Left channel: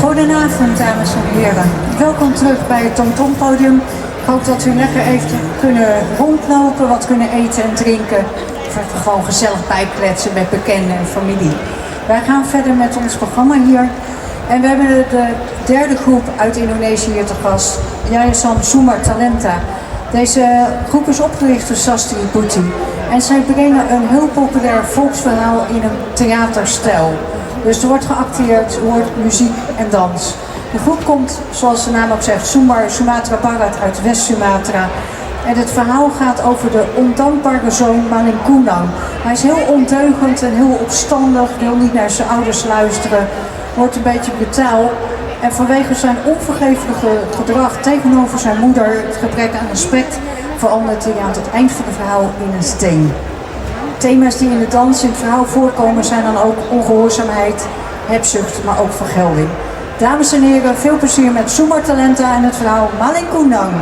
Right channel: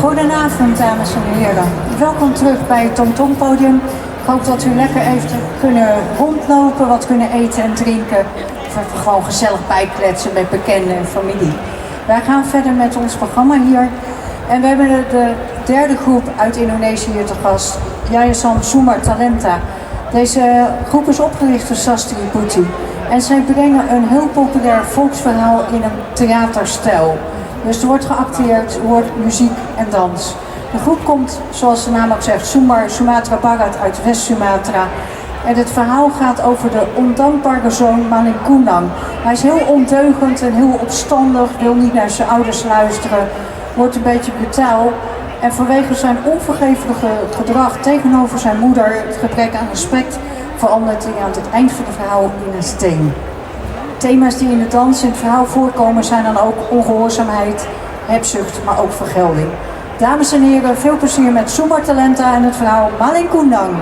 Goedenavond, dames en heren. Welkom terug bij het TomTom-podium. Ik hoop dat u lekker even kunnen rondlopen, wat kunnen eten en drinken. Of gewoon gezellig bijkletsen met bekenden en familie. Wij gaan verder met ons programma hier. En we hebben de derde groep uit Indonesië hier te gast. Yayasan Sumar Talenta. Deze groep is opgericht door Sastri Bhuti. En zij brengen een heel populair volksverhaal in een theaterstijl. Dus er wordt geacteerd, er wordt muziek en dans. De groep komt, zoals de naam ook zegt, Sumatra Barat uit West-Sumatra. En het verhaal gaat over de ondankbare zoon Malin Hij is heel ondeugend en heel opstandig, wil niet naar zijn ouders luisteren, wordt een beetje brutaal. En vanwege zijn onvergeeflijke gedrag tegenover zijn moeder, het gebrek aan respect, verandert hij aan het eind van het verhaal in een steen. Thema's die in de dans in het verhaal voorkomen zijn dan ook ongehoorzaamheid, hebzucht, maar ook vergelding. Dames en heren, veel plezier met Sumar Talenta en het verhaal Malin Kundang.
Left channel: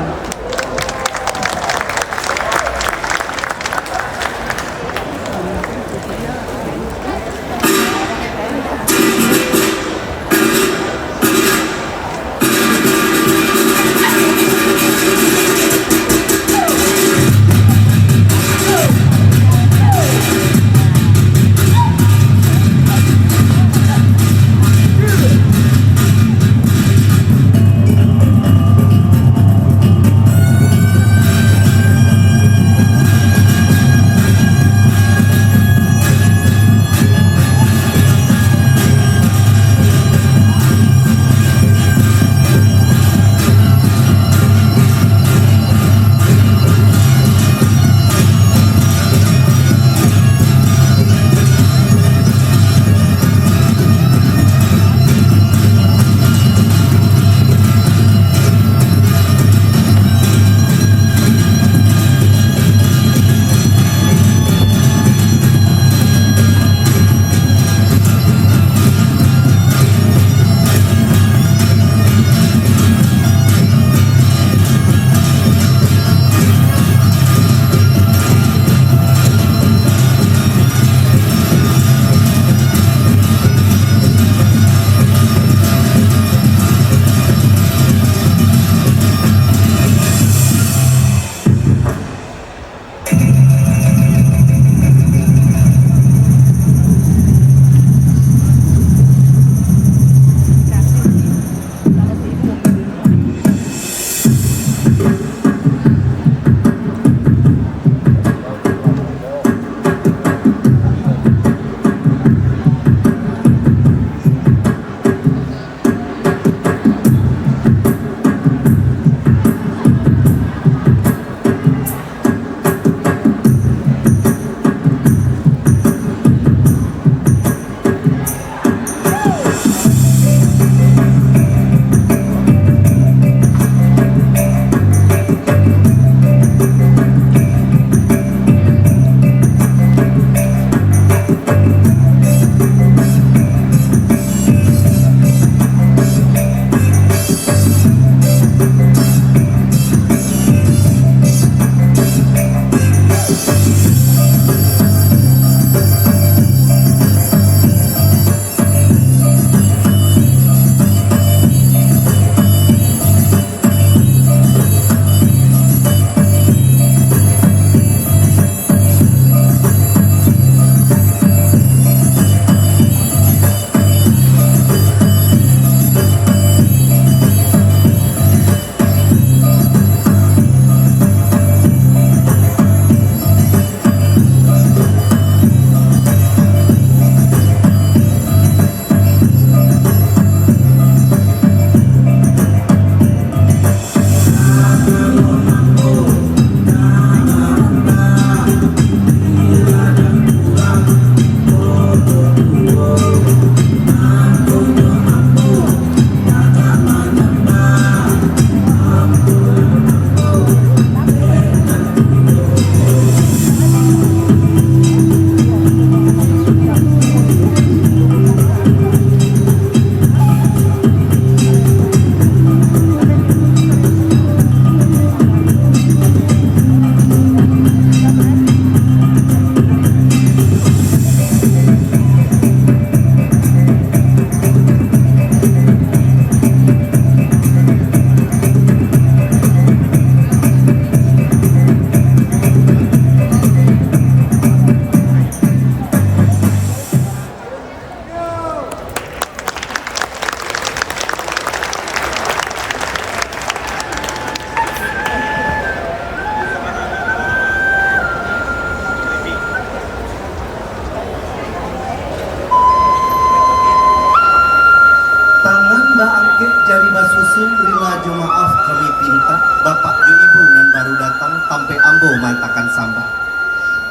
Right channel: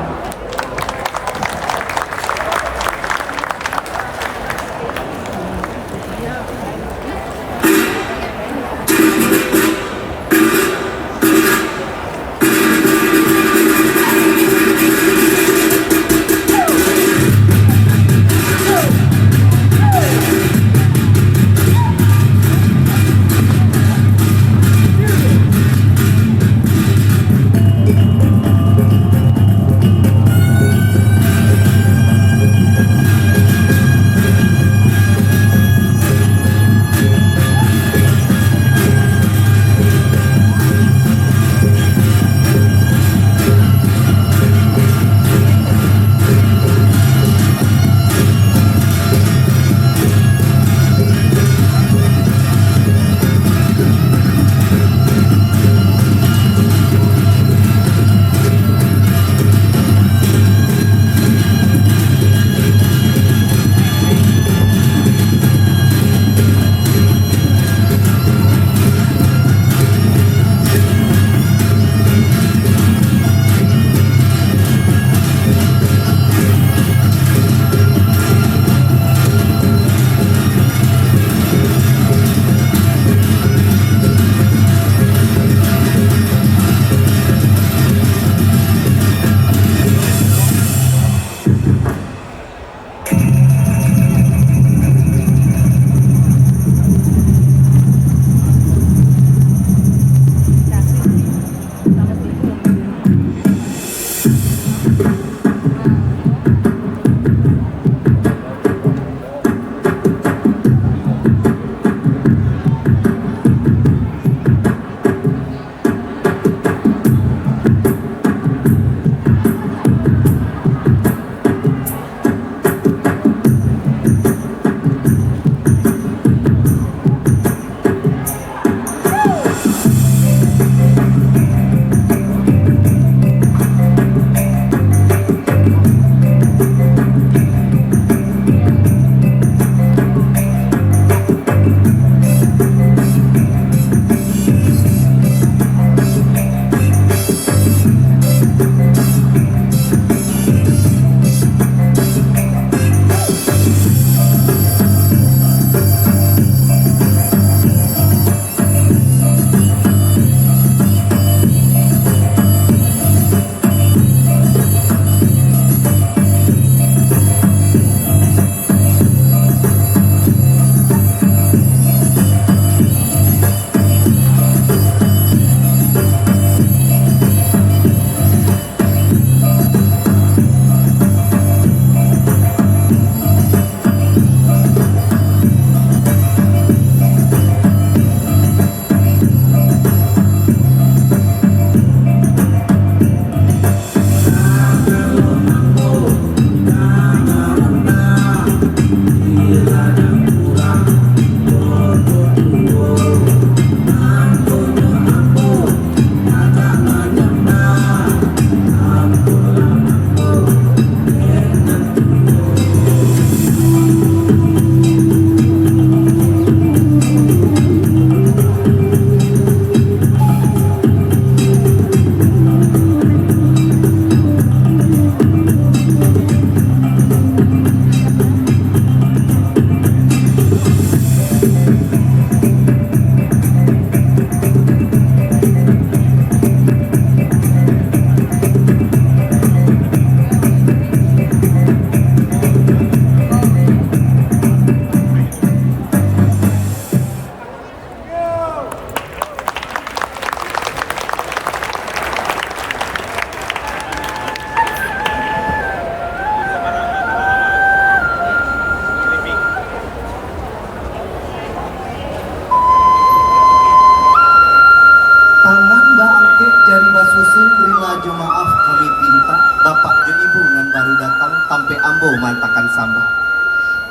Tangan Mbak Angke jari basusun rila jo maaf kami pinta bapak jo ibu nan baru datang tampe ambo mantakan sambah.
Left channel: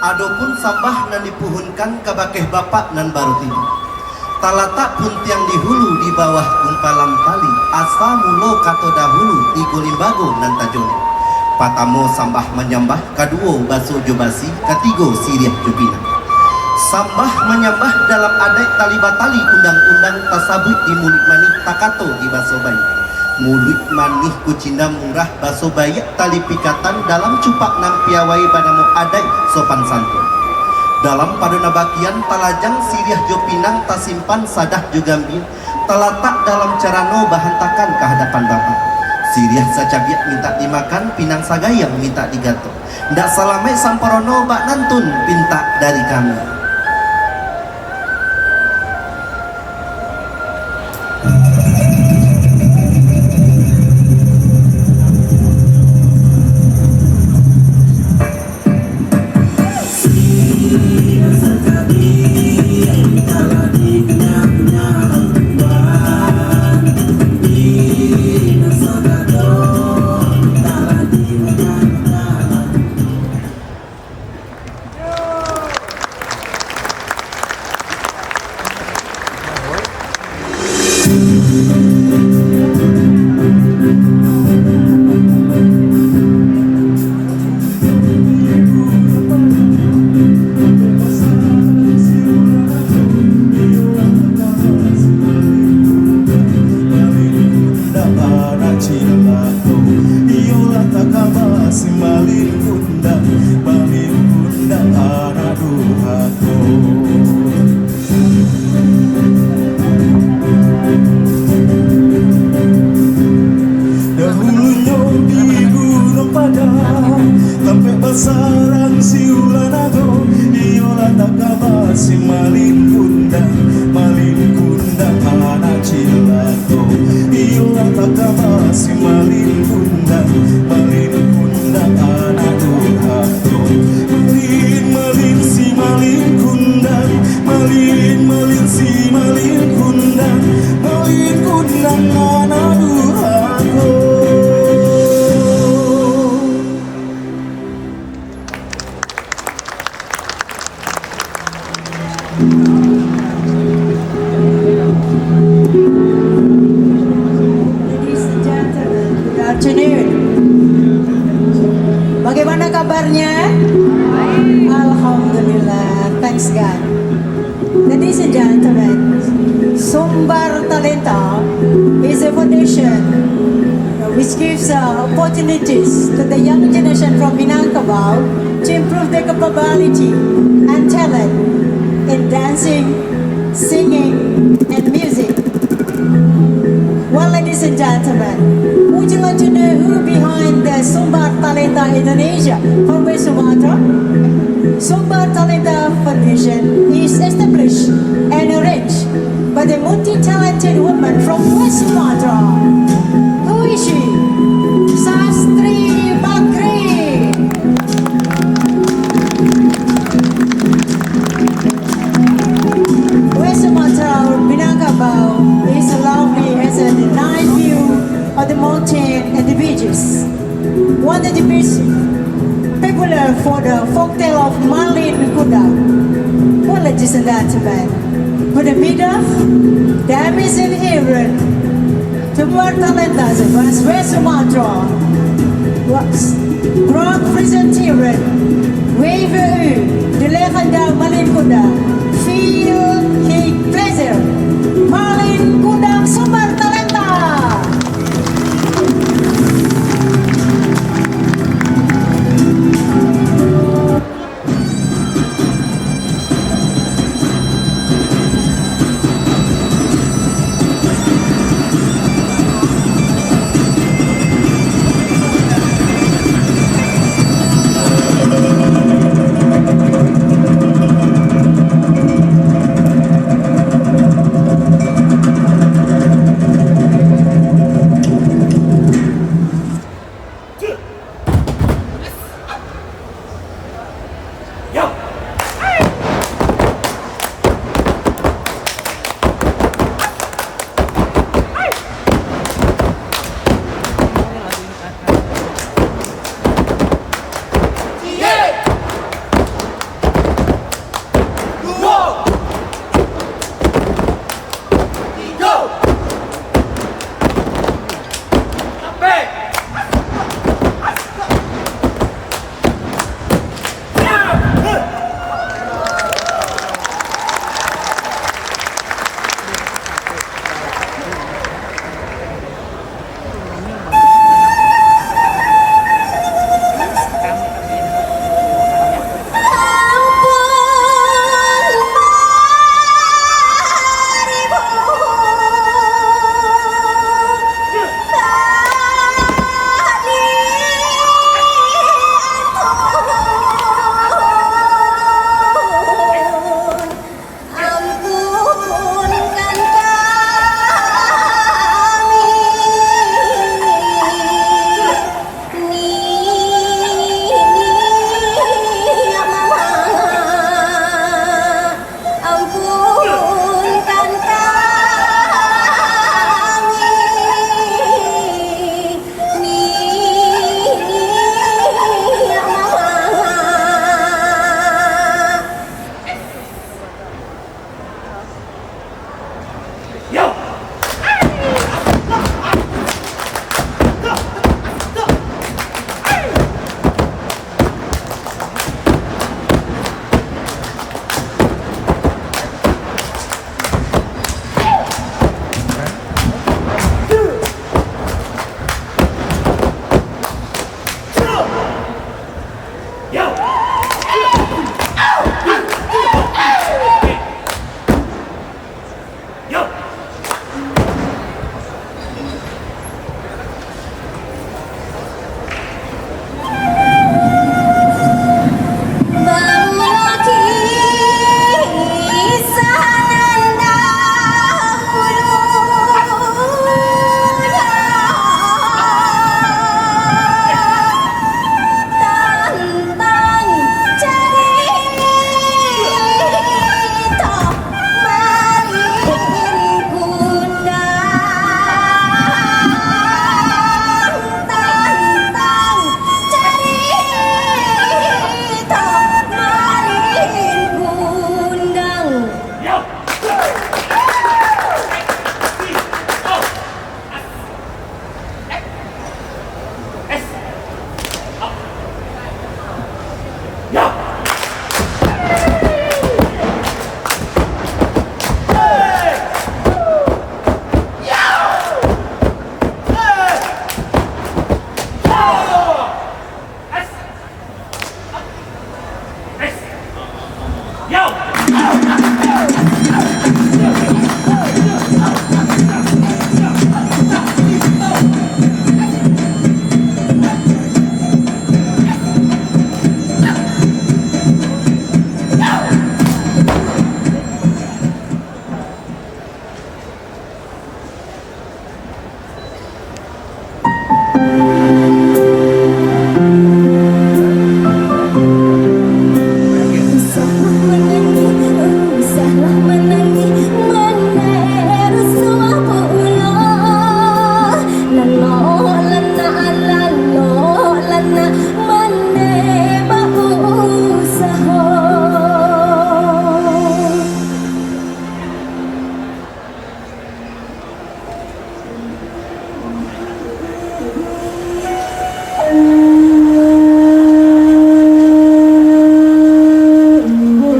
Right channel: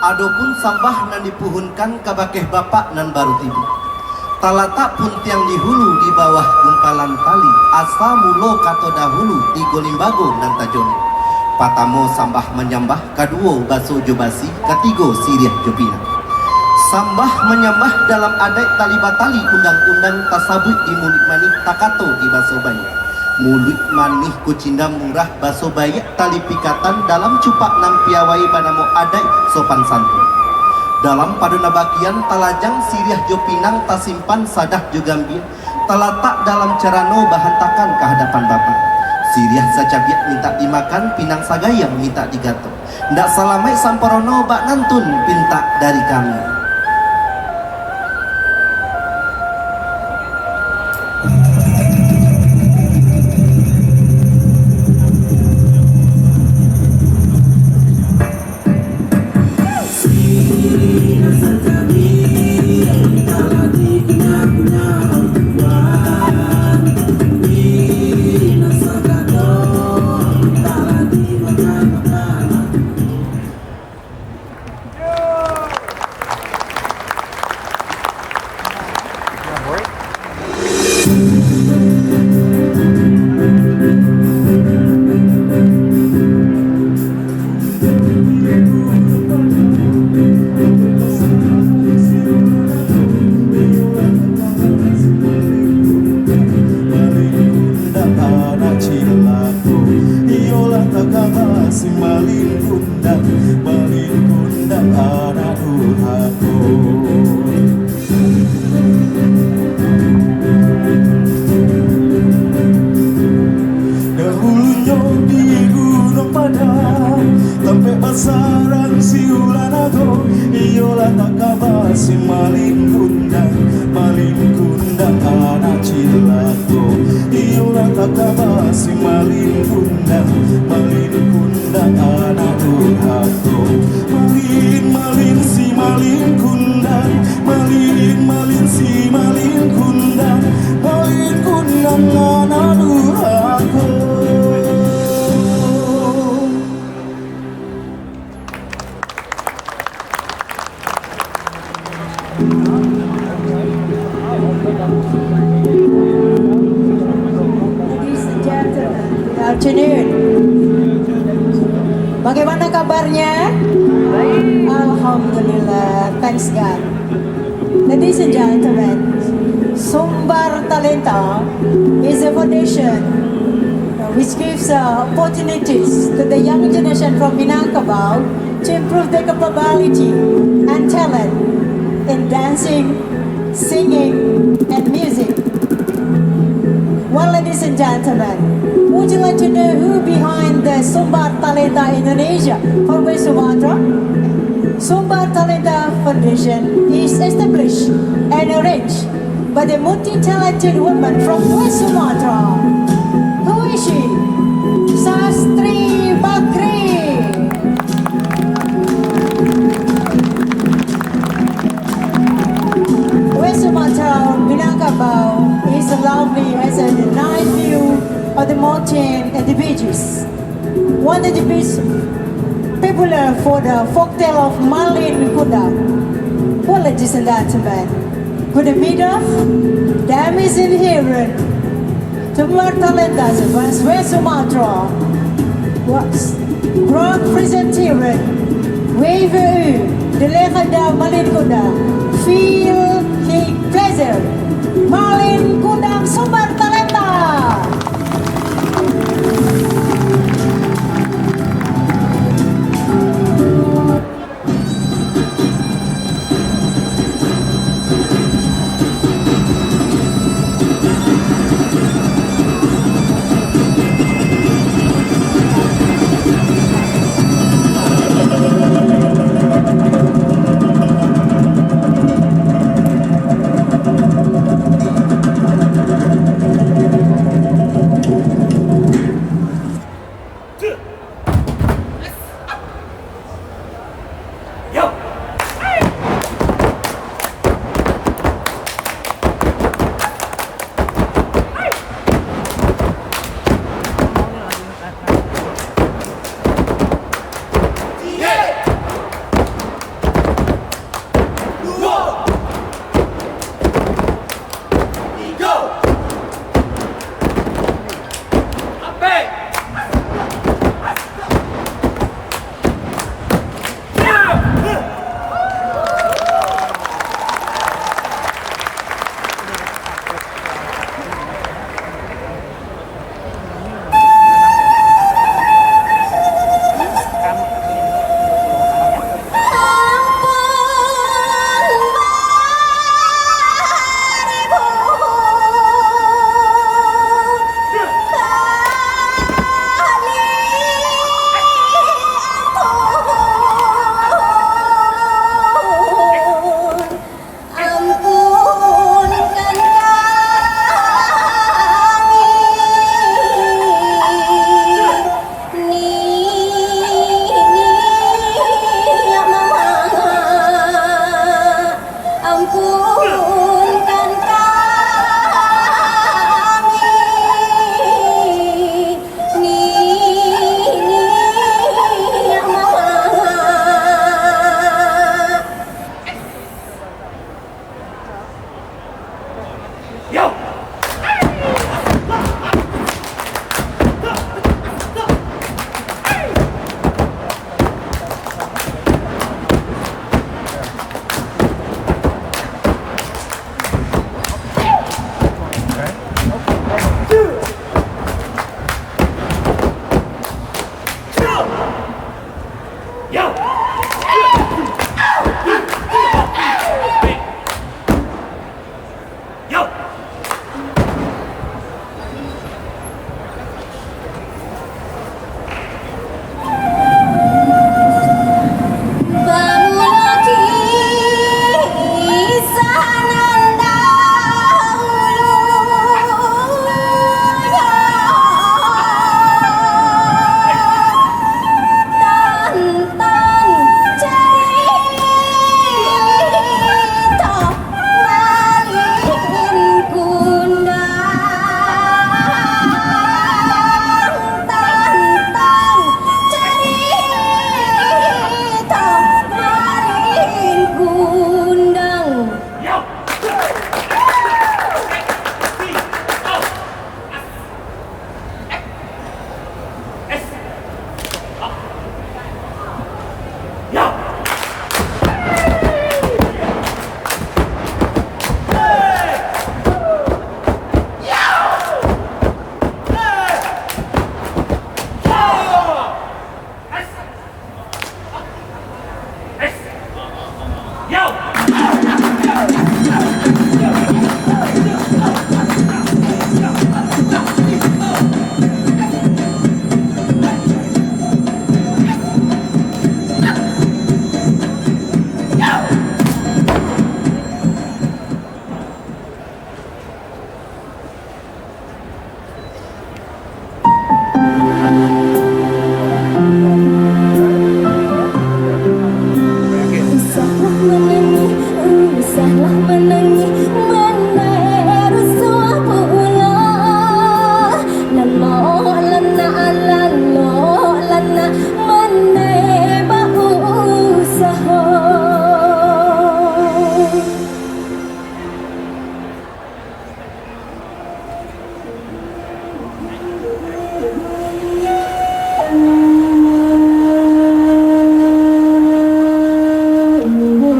Adapun sambah nan dipuhunkan kabakeh bapak nan baru tiba. Talatak pun tiang di hulu di bawah gumpalan tali asa mulo kato dahulu di golimbago nan tajoni. Patamo sambah menyambah kaduo baso jo basi katigo siriah jo bina. Sambah menyambah dalam adat tali batali undang-undang tasabut di mulut manih takato di baso bayi. Mulut manih kucinda murah baso bayi tali pikatan dalam cupak nang piawai banamo adat sopan santun. Dalam paduna bakian talajang siriah jo pinang tasimpan sadah jo gambir talatak dalam carano bahantakan kehadapan bapak. Siriah sacabiak minta dimakan pinang sagayang minta digato. Ndak salamai samparono bak nantun pinta dari kami. Bagaimana kabarnya? Alhamdulillah, thanks God. Ladies and gentlemen, Sumbar Talenta is a foundation which gives opportunities to the young generation from Minangkabau to improve their capability and talent in dancing, singing, and music. Well, ladies and gentlemen, would you like to know who behind the Sumbar Talenta Indonesia from West Sumatra? Sumbar Talenta Foundation is established and arranged by the multi-talented woman from West Sumatra. Who is she? Sastri Bakri. West Sumatra, Minangkabau is lovely, has a nice view of the mountain and the beaches. One of the beaches popular for the folktale of Malin Kuda. Well, ladies and gentlemen, goedemiddag, dames en heren. Sumbar Talenta van West Sumatra. Graag presenteren wij u de legenda Malin Kuda. Veel plezier. Malin Kuda Sumbar Talenta.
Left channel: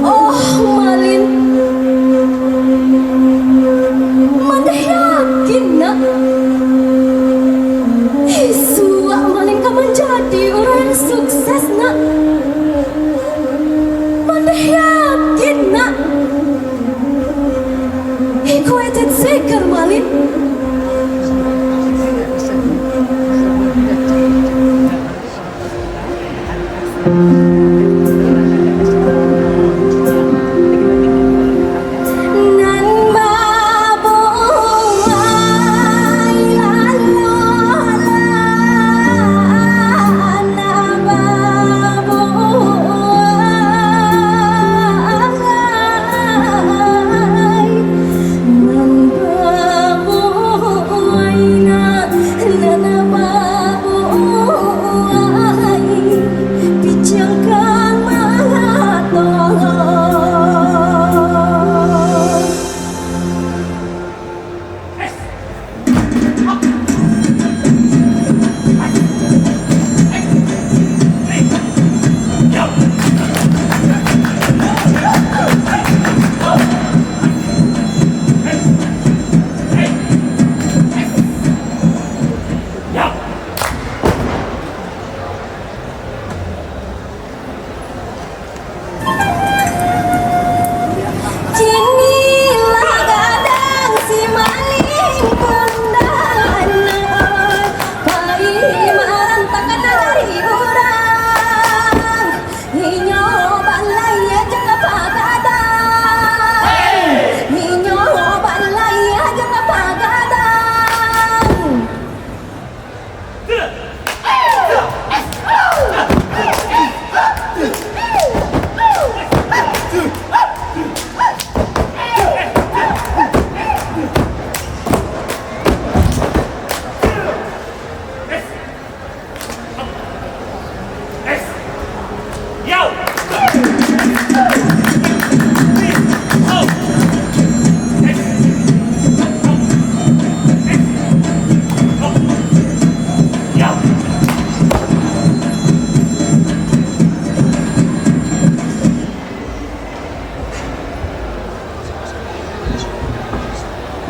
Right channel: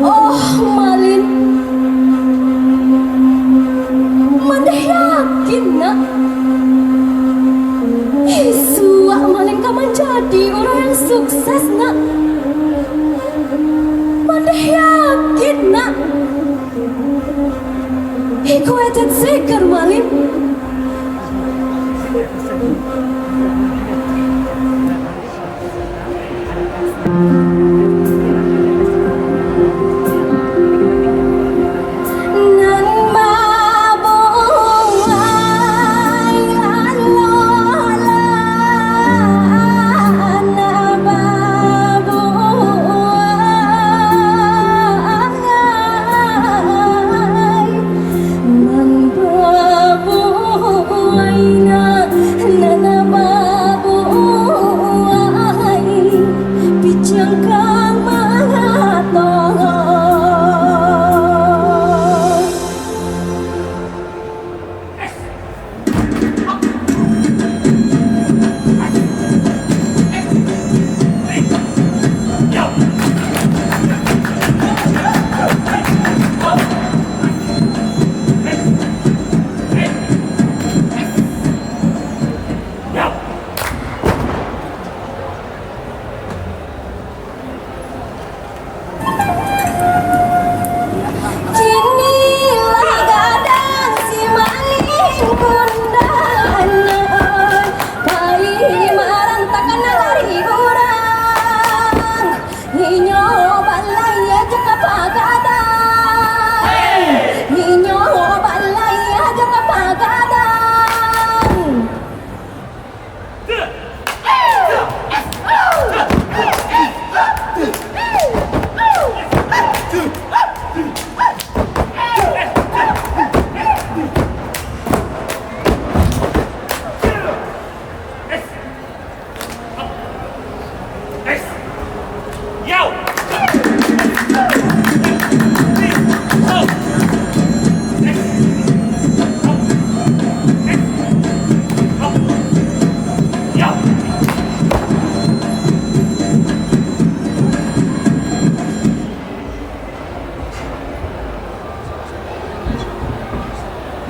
Oh, Malin. Mana yakin nak? Suak Malin kamu jadi orang yang sukses nak. Mana yakin nak? Kau itu segar Malin.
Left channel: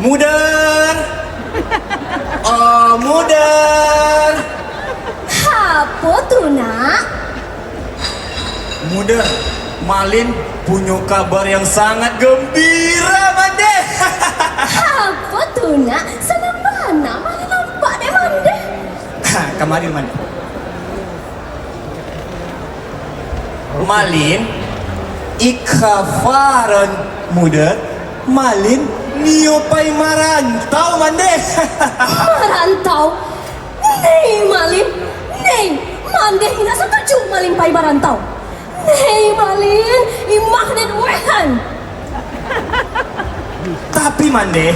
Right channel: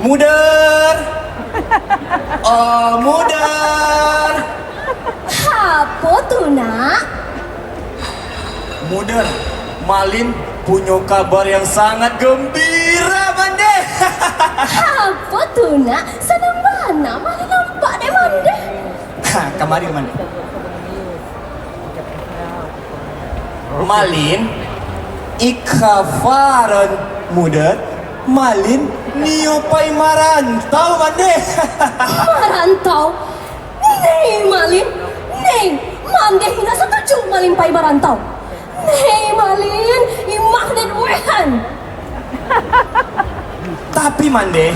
Mudar. Oh, Mudar. Apa tuh nak? Mudar, Malin punya kabar yang sangat gembira, Mande. Apa tuh nak? Sana mana? Mana nampak deh Mande? Kemarin, Mande. Malin ikafaran Mudar. Malin niopai marantau, Mande. Marantau? Nih Malin, nih Mande tidak setuju Malin pai marantau. Nih Malin, imagnet wehan. Tapi Mande,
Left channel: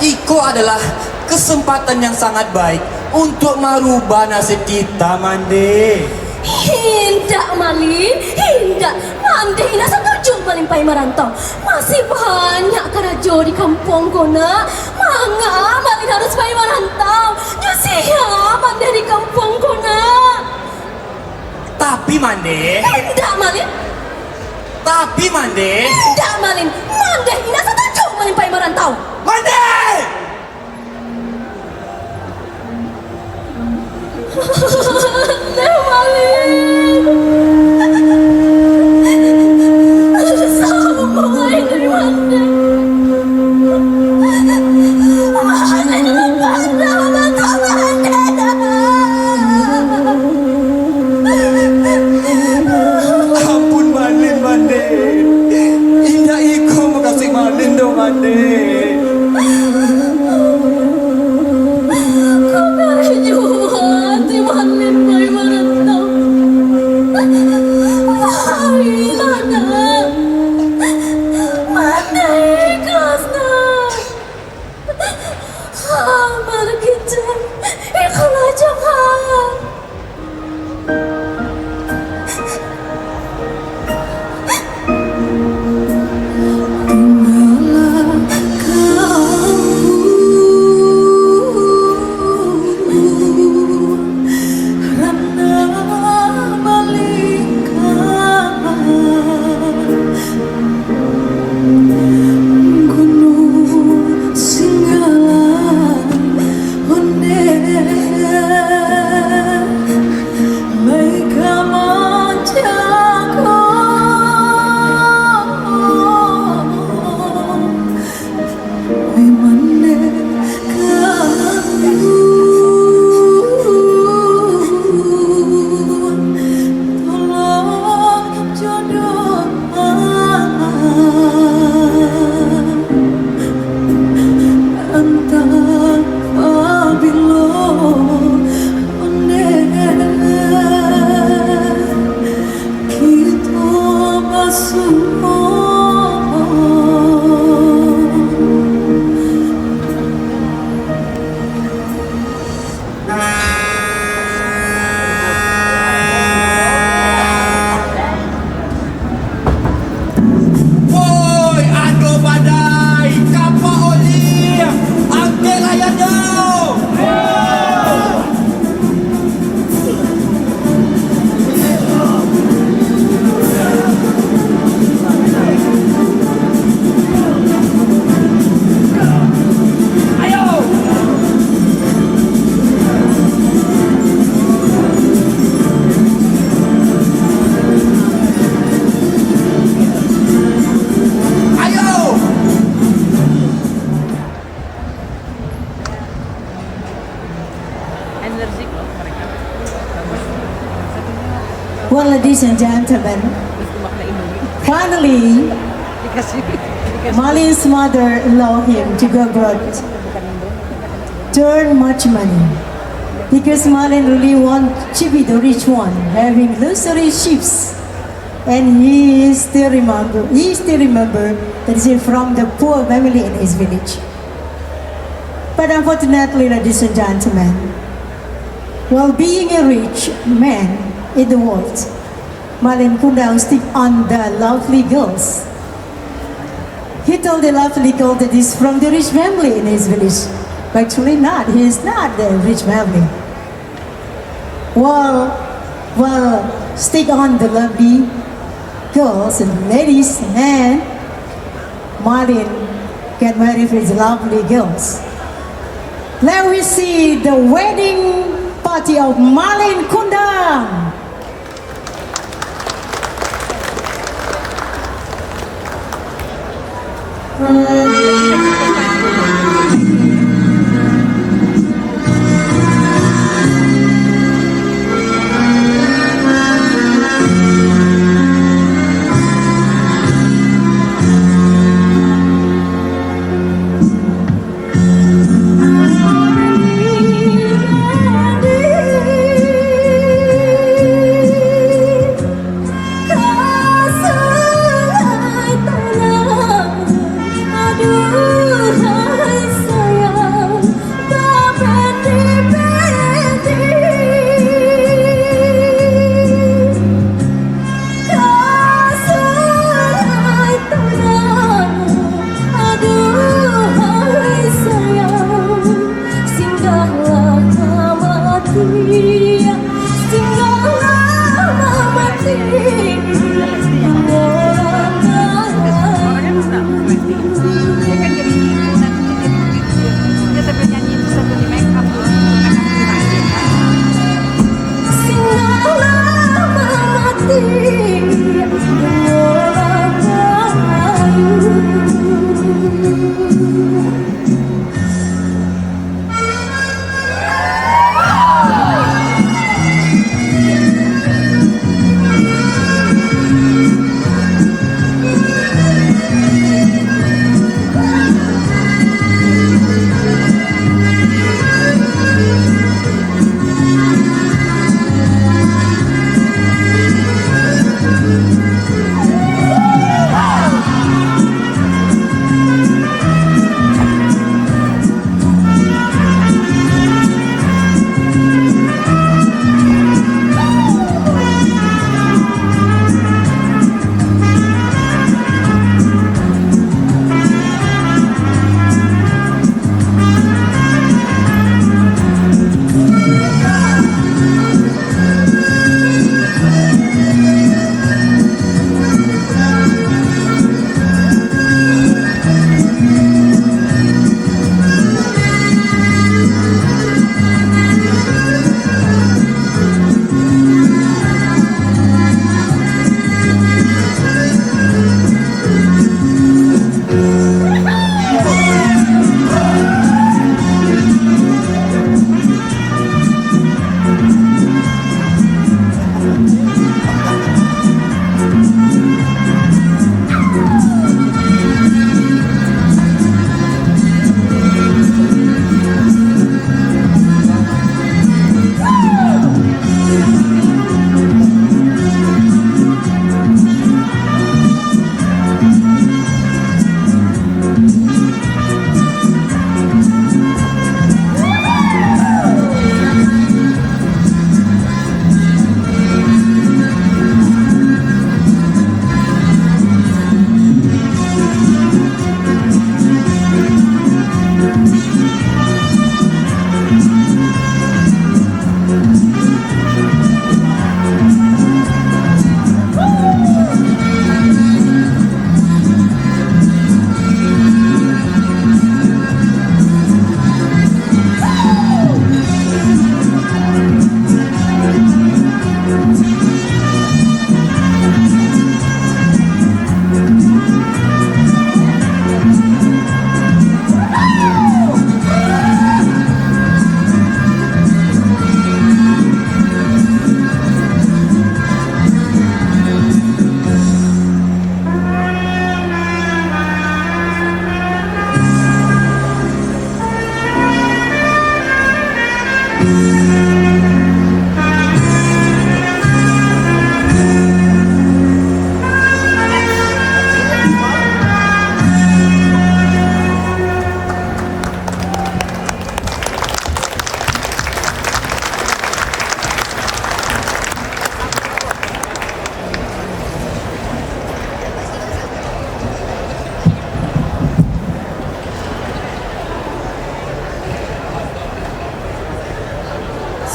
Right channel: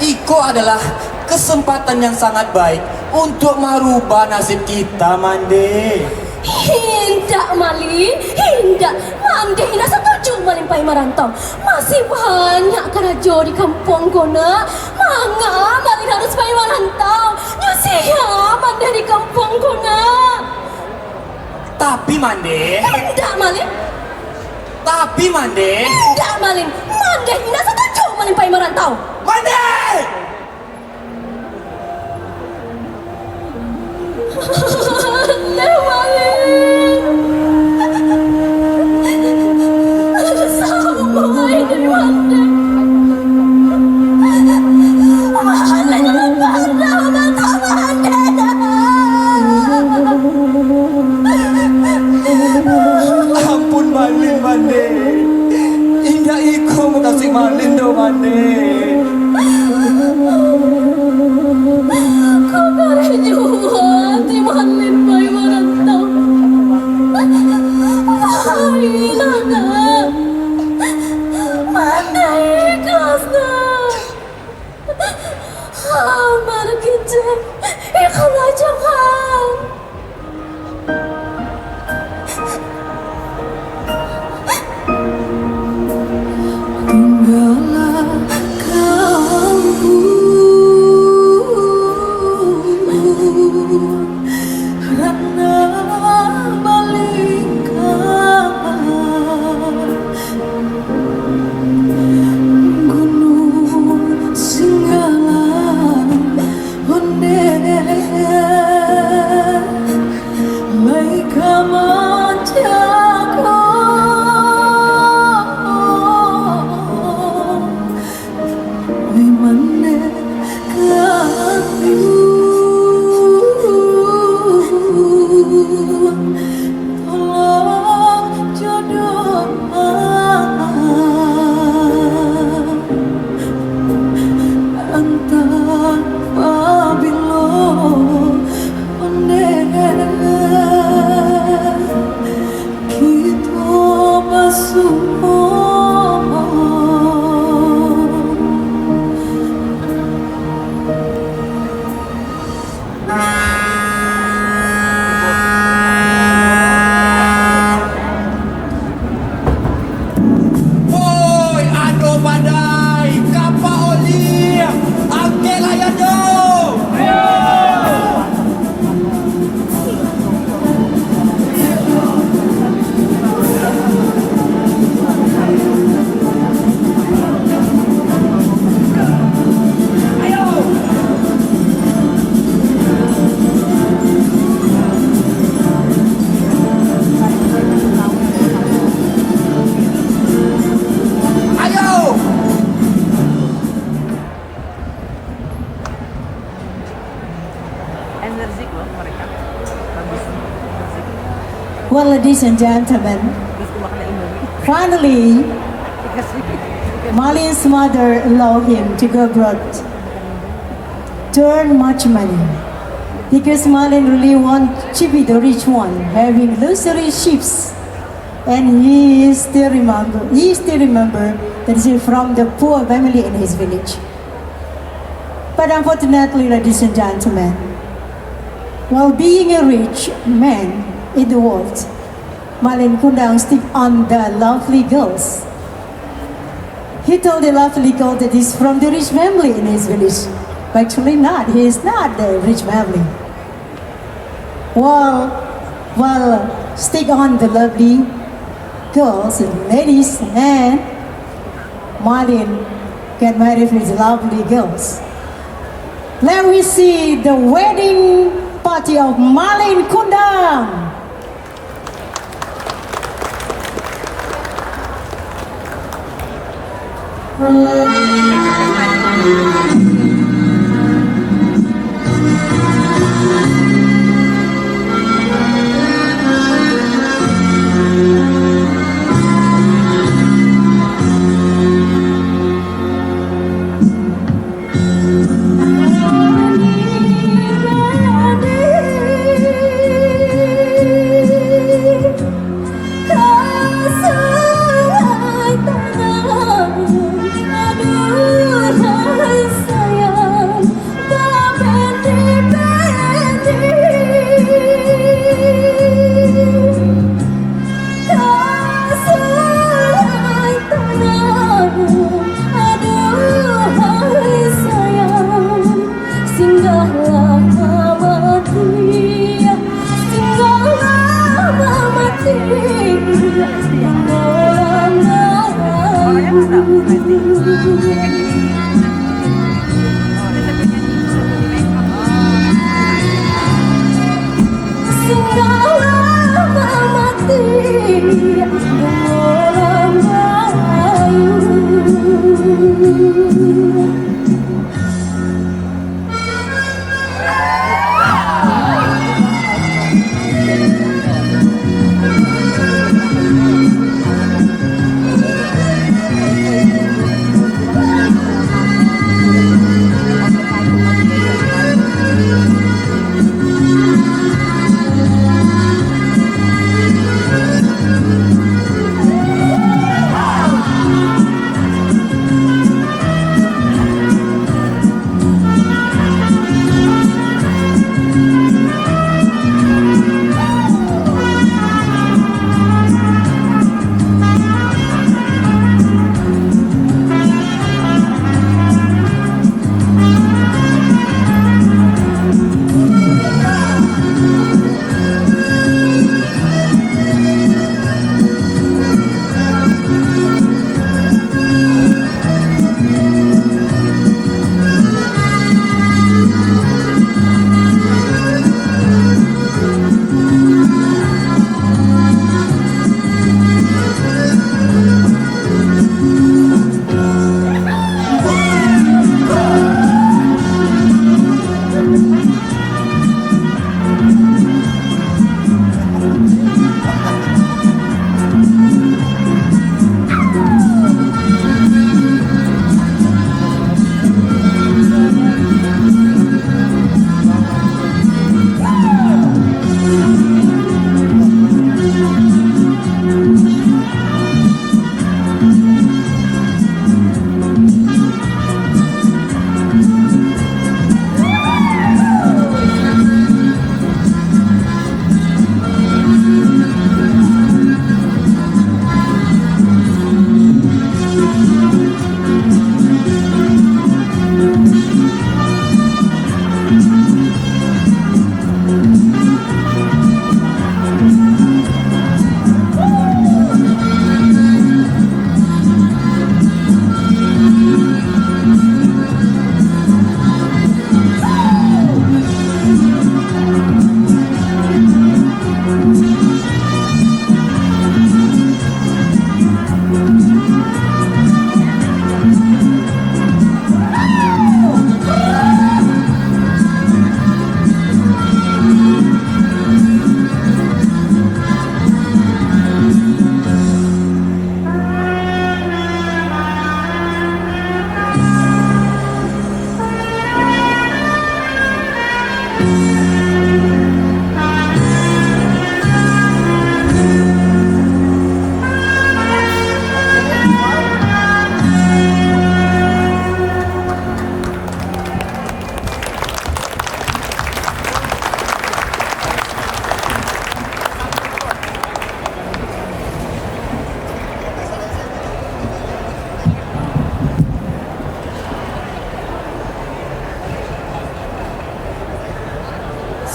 Iko adalah kesempatan yang sangat baik untuk merubah nasib kita, Mande. Hindak Malin, hindak. Mande tidak setuju Malin pai marantau. Masih banyak kerajo di kampung kona. Mangga Malin harus pai marantau. Nyusia Mande di kampung kona. Tapi Mande, Hindak Malin, tapi Mande, hindak Malin. Mande tidak setuju Malin pai marantau. Mande! Nih Malin. Sama ini Mande. Malin lepas nama kau Mande. Ampun Malin, Mande. Indah Iko makasih Malin dong, Mande. Kau berjuang hati Malin pai marantau. Hilang Mande ikhlas nak. Amal kita ikhlas jangan. Tinggallah kamu Energik loh mereka. Bagus. Well, ladies and gentlemen, Terus dimakan Indomie. finally, Malin's mother allowed him to go abroad to earn much money. Because Malin really want to be the rich one, having luxury ships. And he still remember that he's from the poor family in his village. But unfortunately, ladies and gentlemen, while being a rich man in the world, Malin Kundang stick on the lovely girls. He told the lovely girl that he's from the rich family in his village. But actually not, he is not the rich family. Well, stick on the lovely girls and ladies, and Malin get married with lovely girls. Let me see the wedding party of Malin Kundang. Kasih tanah, aduh.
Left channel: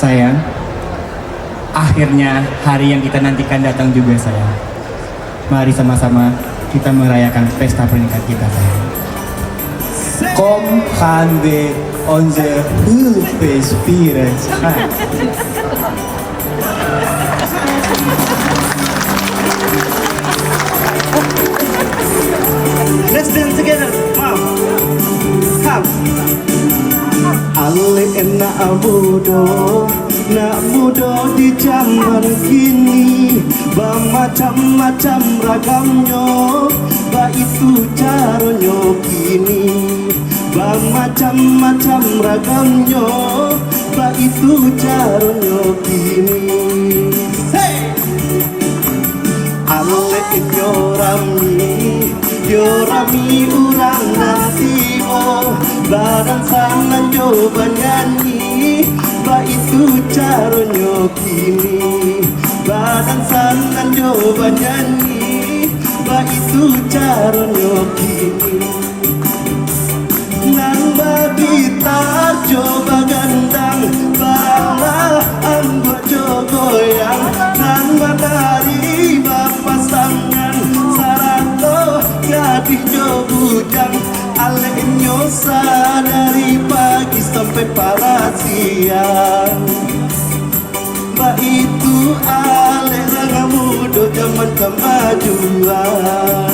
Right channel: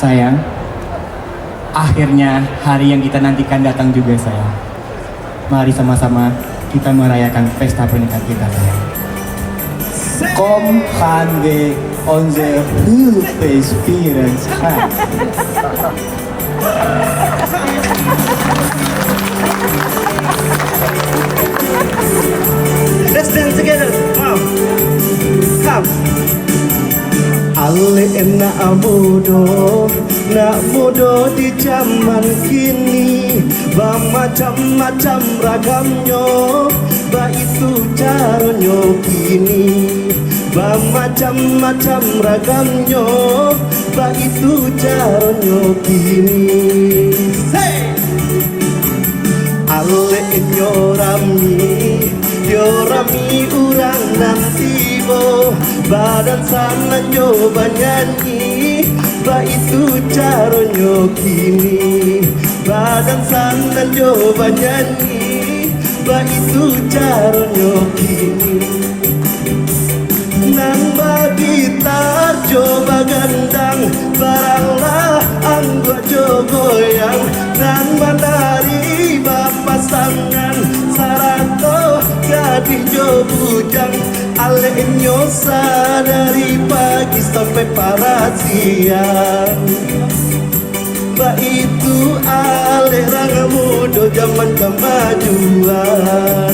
Sayang, akhirnya hari yang kita nantikan datang juga sayang. Mari sama-sama kita merayakan pesta pernikahan kita sayang. Kom gaan we onze huwelijksfeest vieren samen. Let's dance together. Come. Come. Ale nak mudo di zaman kini, macam-macam ragamnya, ba itu caranya kini, macam-macam ragamnya, ba itu caranya kini. Hey! Ale Yorami urang nanti bo badan sana coba nyanyi ba itu caranya kini badan sana coba nyanyi ba itu caranya kini nang babi tar coba gandang baranglah anggua jogoyang dan menari pasangan sarato gadis jo bujang ale nyosa dari pagi sampai para siang ba itu ale ranga muda zaman kemajuan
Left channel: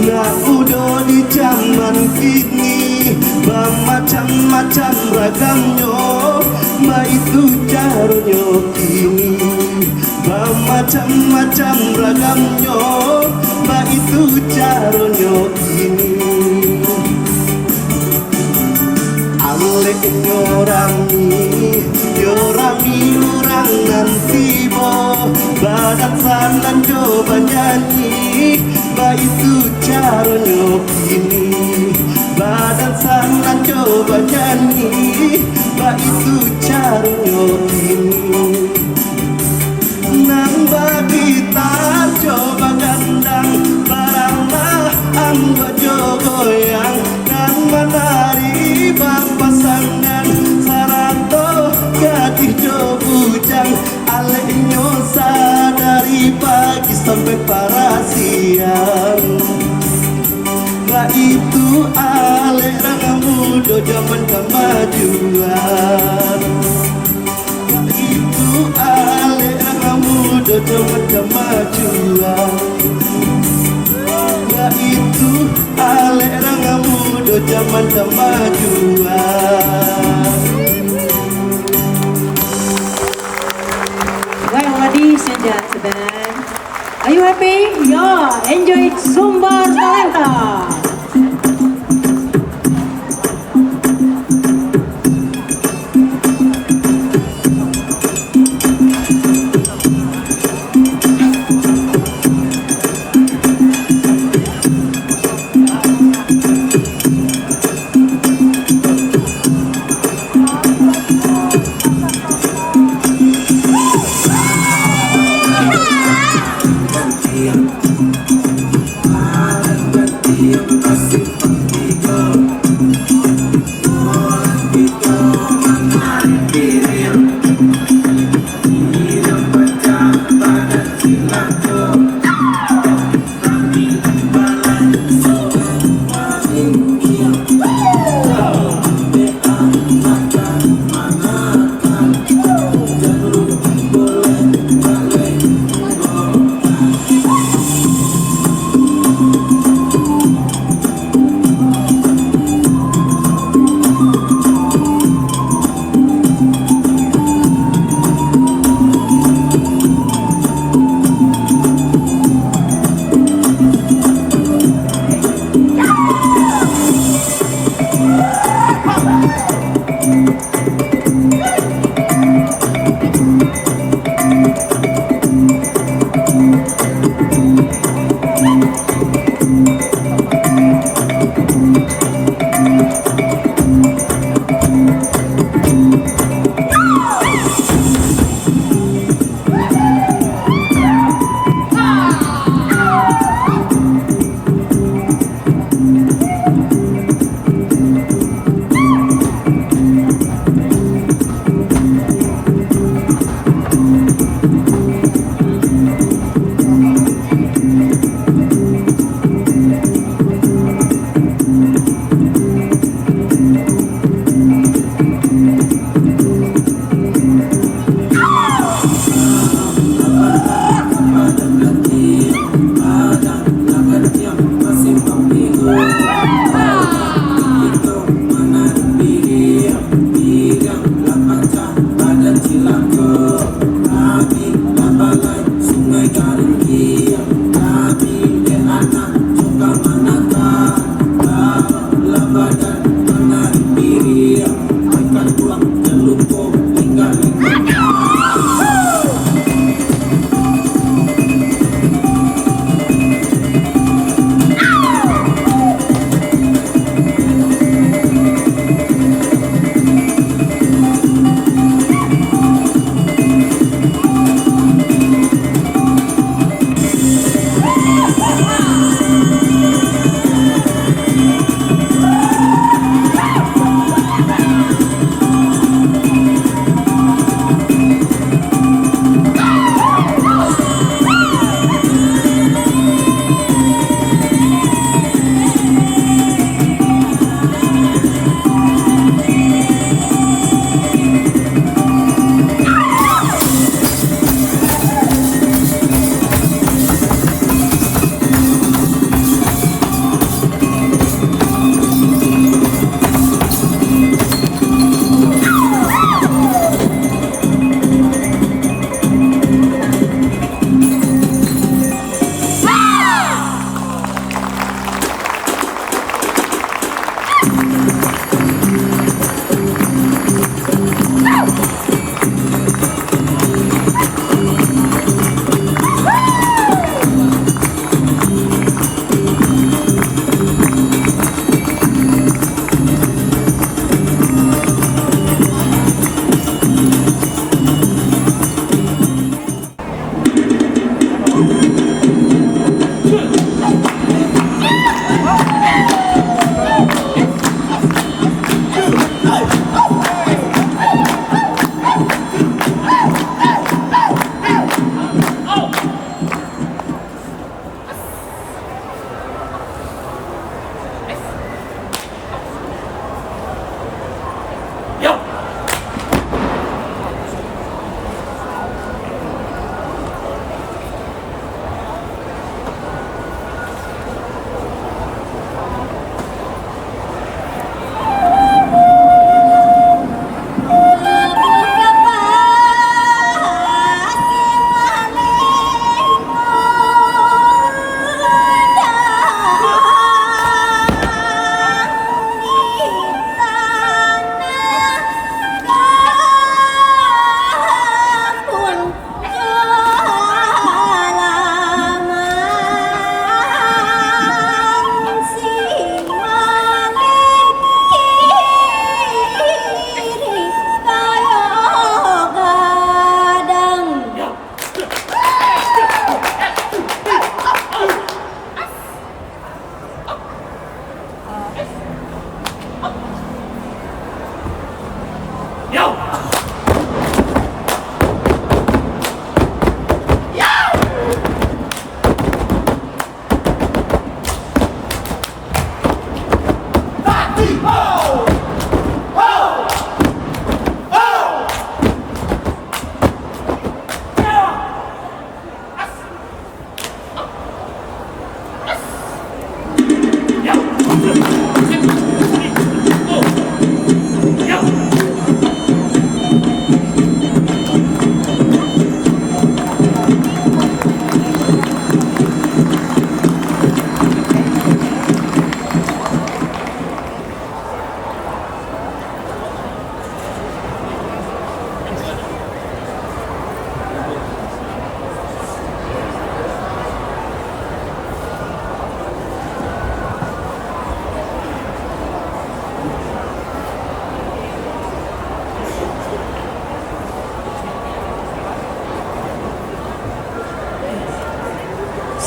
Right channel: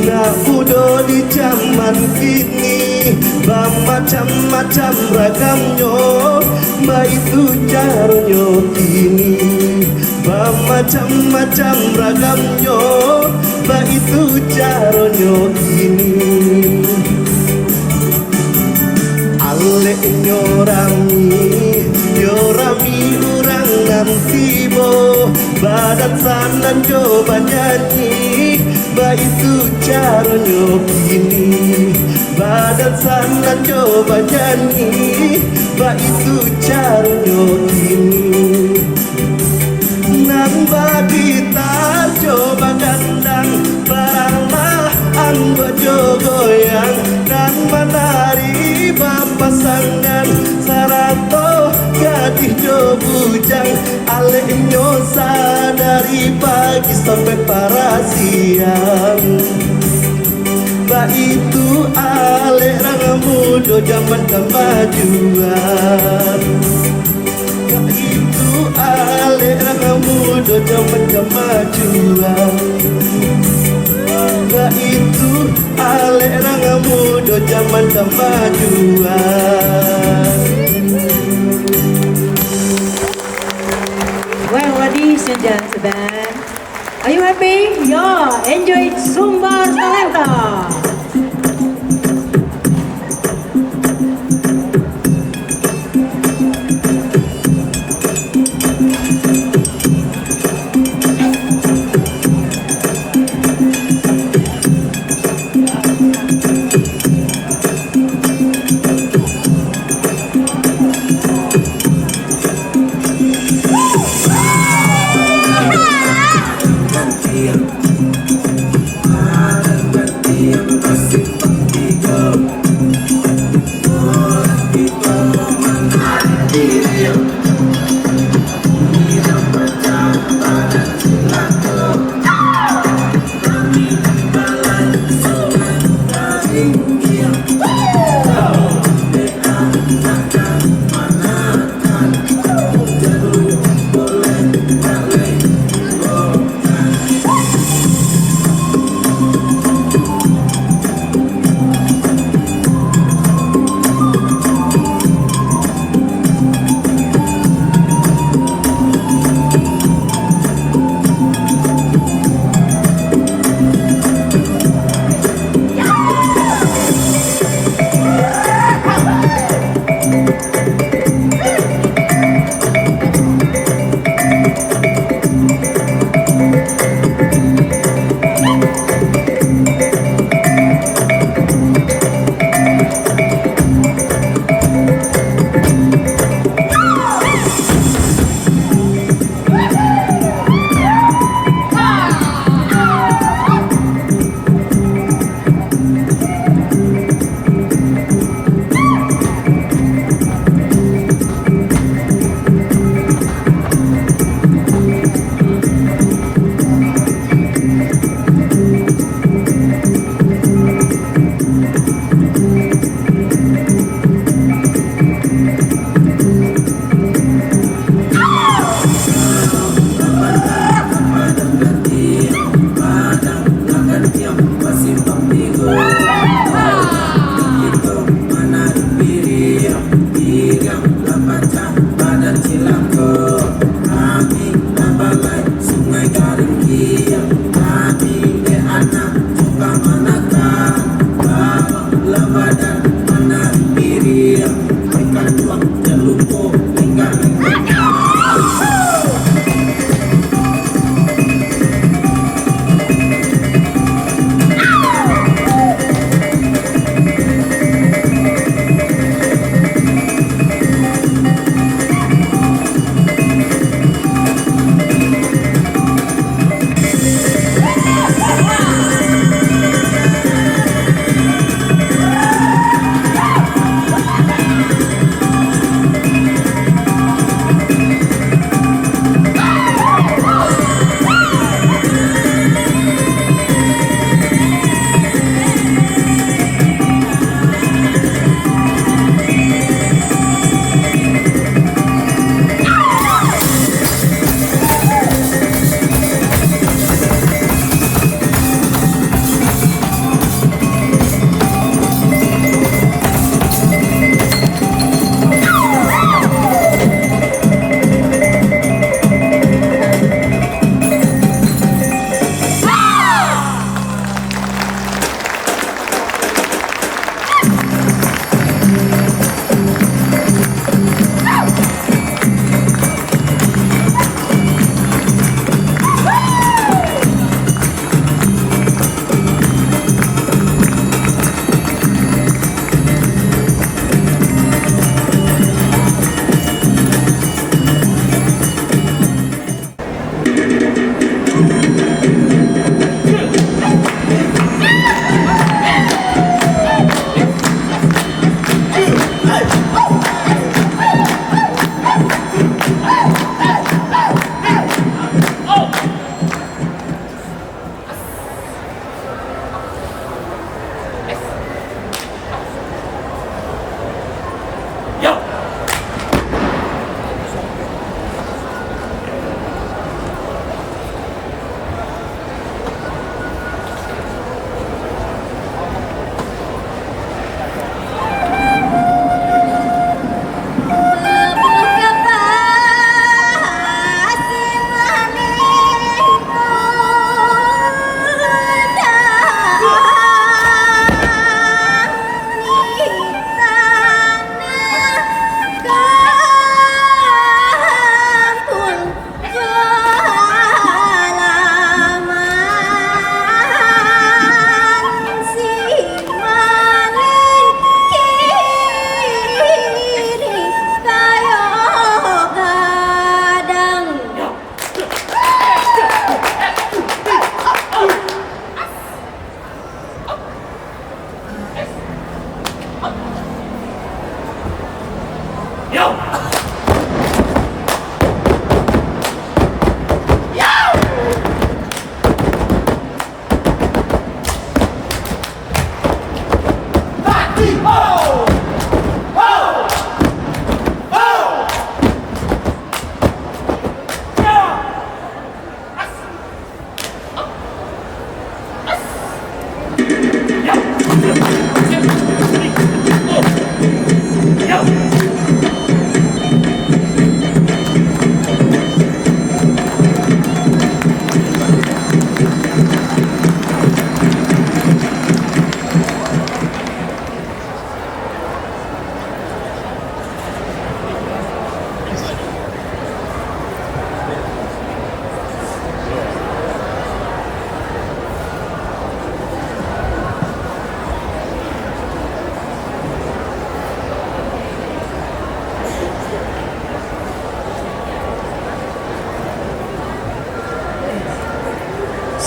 nak muda di zaman kini, macam-macam ragamnya, ma itu caranya kini, macam-macam ragamnya, ma itu caranya kini. Ale nyorami urang nanti bo badan sandan coba nyanyi ba itu caranya kini badan sandan coba nyanyi ba itu caranya kini nang babi tar coba gandang baranglah anggo jogoyang dan menari pasangan sarato gadis jo bujang ale nyosa dari pagi sampai para siang ba itu ale ranga muda zaman kemajuan ba itu ale ranga muda zaman kemajuan ba itu ale ranga muda zaman kemajuan. Well, ladies and gentlemen, are you happy? Yeah, enjoy Zumba Talenta.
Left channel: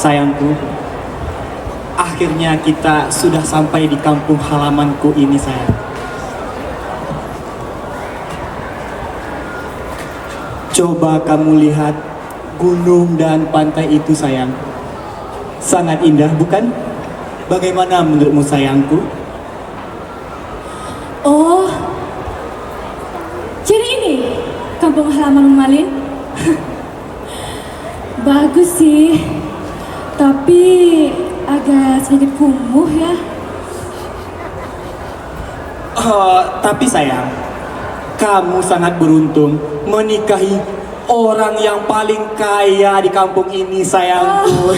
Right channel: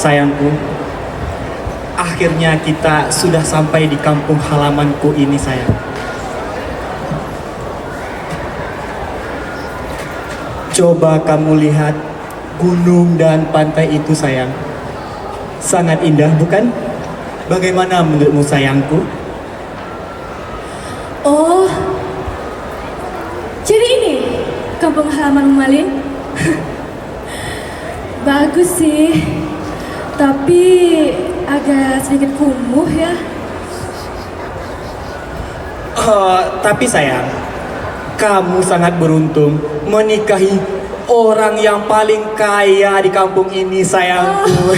Sayangku, akhirnya kita sudah sampai di kampung halamanku ini, sayang. Coba kamu lihat gunung dan pantai itu, sayang. Sangat indah, bukan? Bagaimana menurutmu, sayangku? Oh, jadi ini kampung halaman Malin? Bagus sih, tapi agak sedikit kumuh ya. Tapi sayang, kamu sangat beruntung menikahi orang yang paling kaya di kampung ini, sayangku.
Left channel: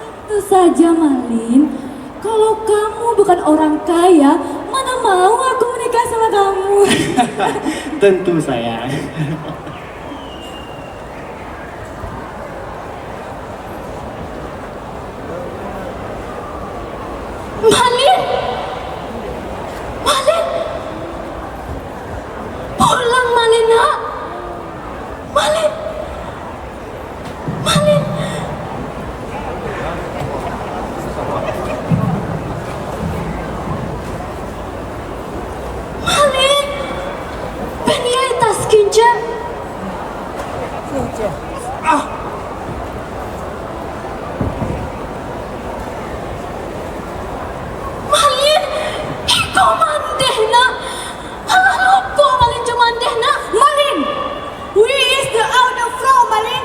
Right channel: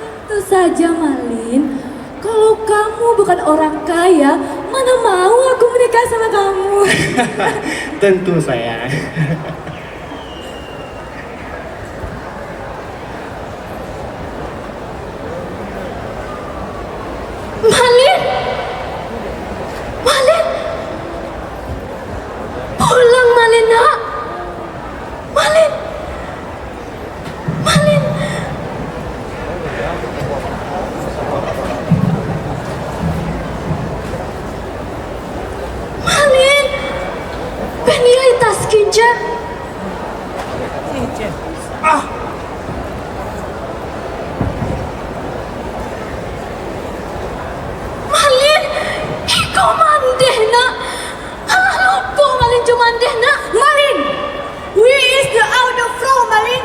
Tentu saja Malin, kalau kamu bukan orang kaya, mana mau aku menikah sama kamu. Tentu, sayang. Malin, Malin, pulang Malin nak, Malin, Malin. Malin, peniyai tas kinja. Malin, ikaw mandeh na. Alah lupa Malin cuma mandeh na. Malin, we is the out of flow Malin.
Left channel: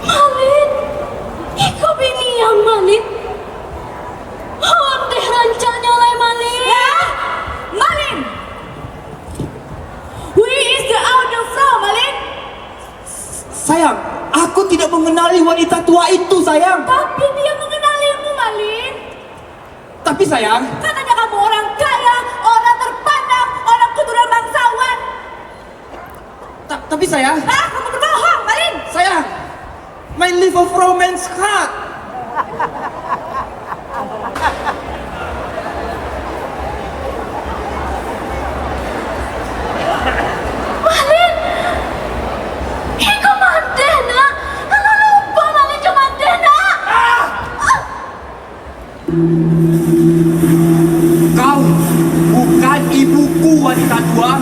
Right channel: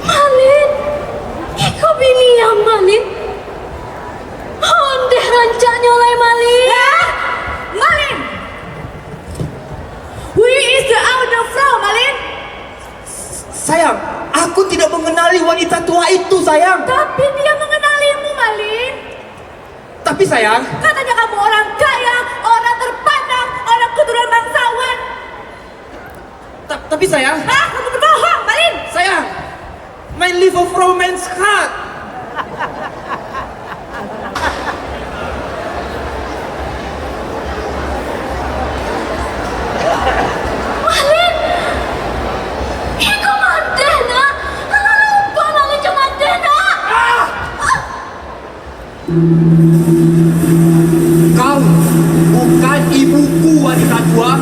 Malin, ikaw biniyang Malin. Mandeh rancanya oleh Malin. Malin, we is the out of flow Malin. Sayang, aku tidak mengenali wanita tua itu, sayang. Tapi dia mengenalimu Malin. Tapi sayang, Katanya kamu orang kaya, orang terpandang, orang keturunan bangsawan. tapi sayang, Hah? Kamu berbohong Malin. sayang, my life of romance heart. Malin, ikaw mandeh na. Ano lupa Malin cuma mandeh na. Kau bukan ibuku, wanita tua.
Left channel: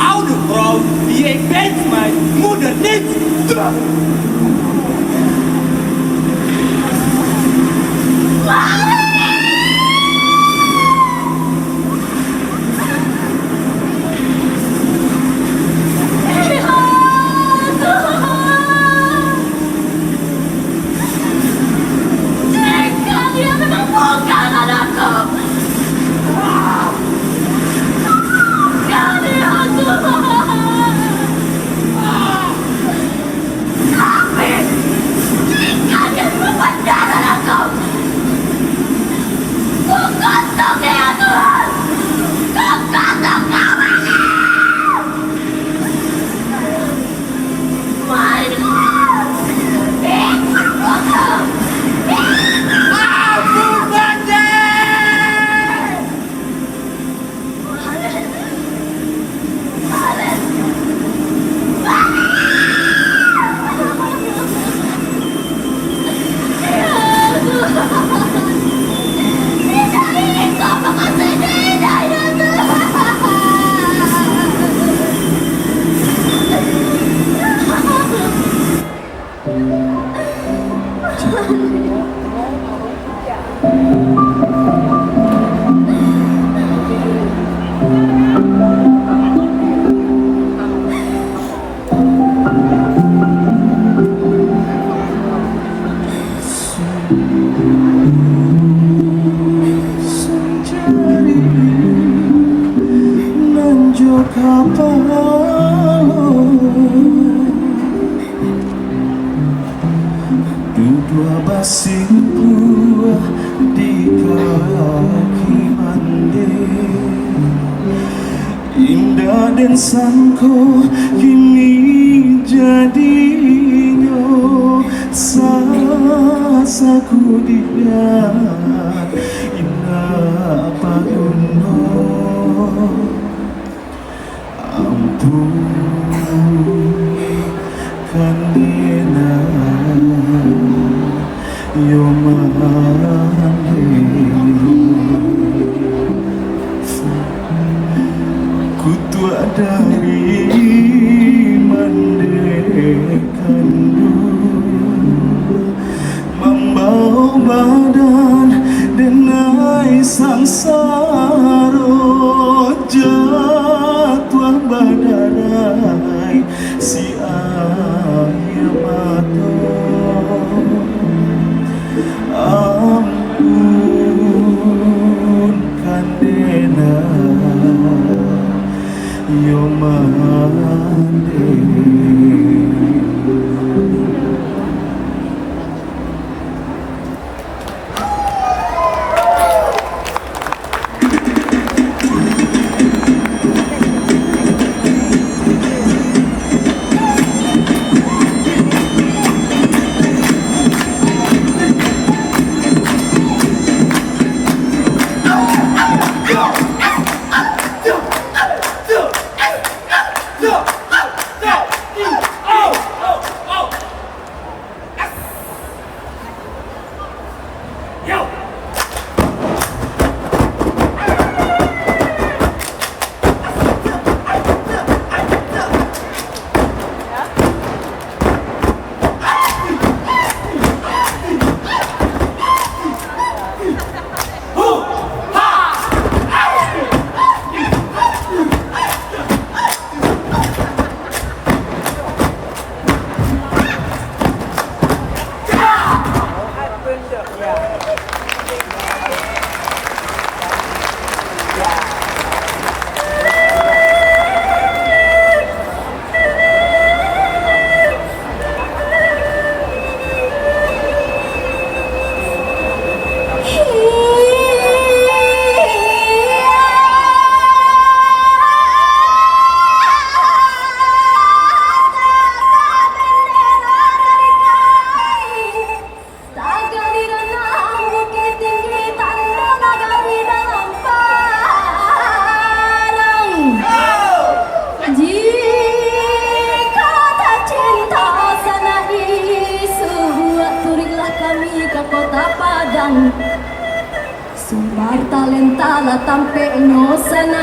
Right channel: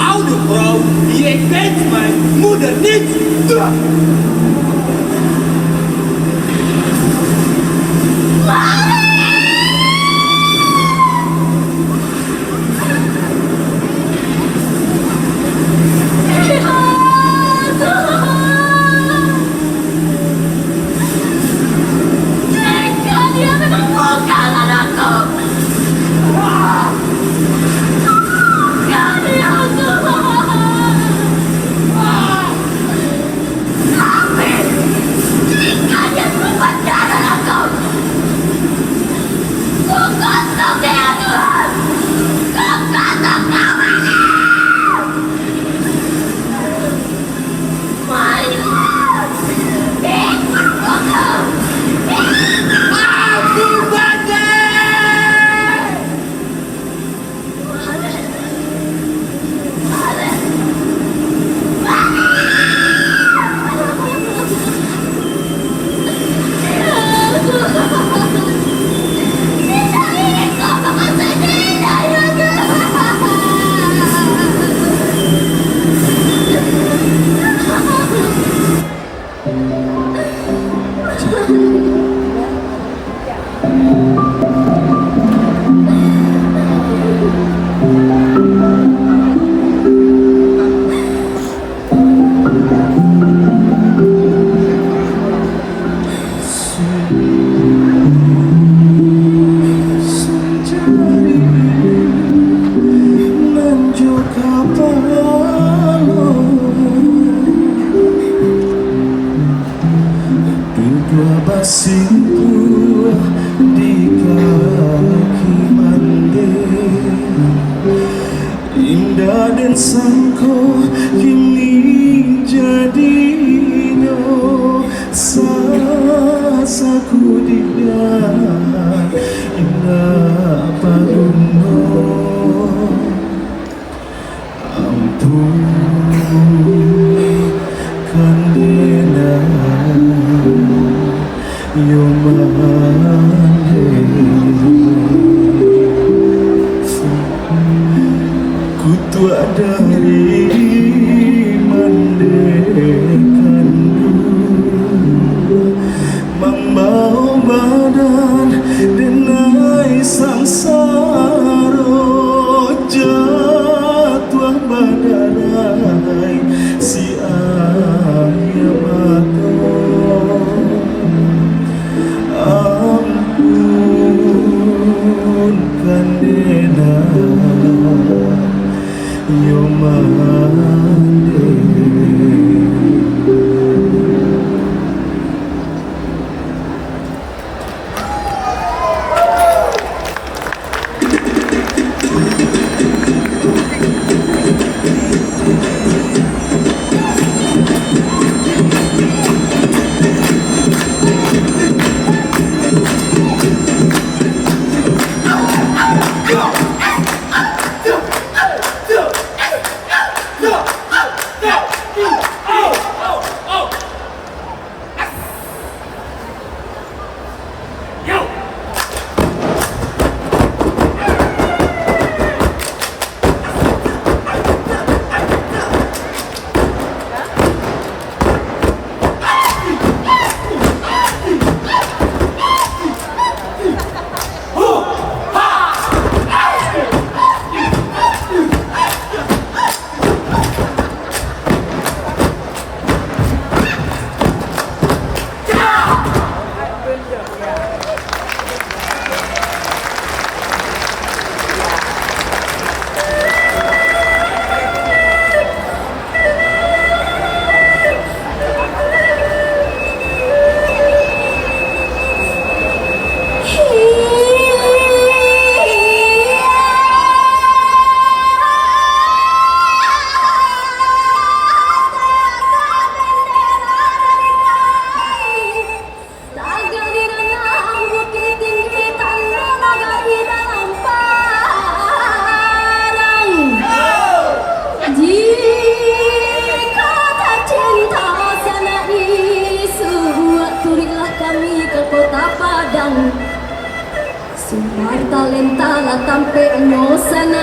Out of road, the engagement, modernity. Jika dia menemukan anakku. Kalian semua. asingku di kaki ande, indah dan sangko kini jadinya sasaku dia indah paduno ampun kandena ku tua dari mendekan membawa badan dengan sangsara jatuh badai si akhir mata ampun kandena Sumbar talenta la tampe no sana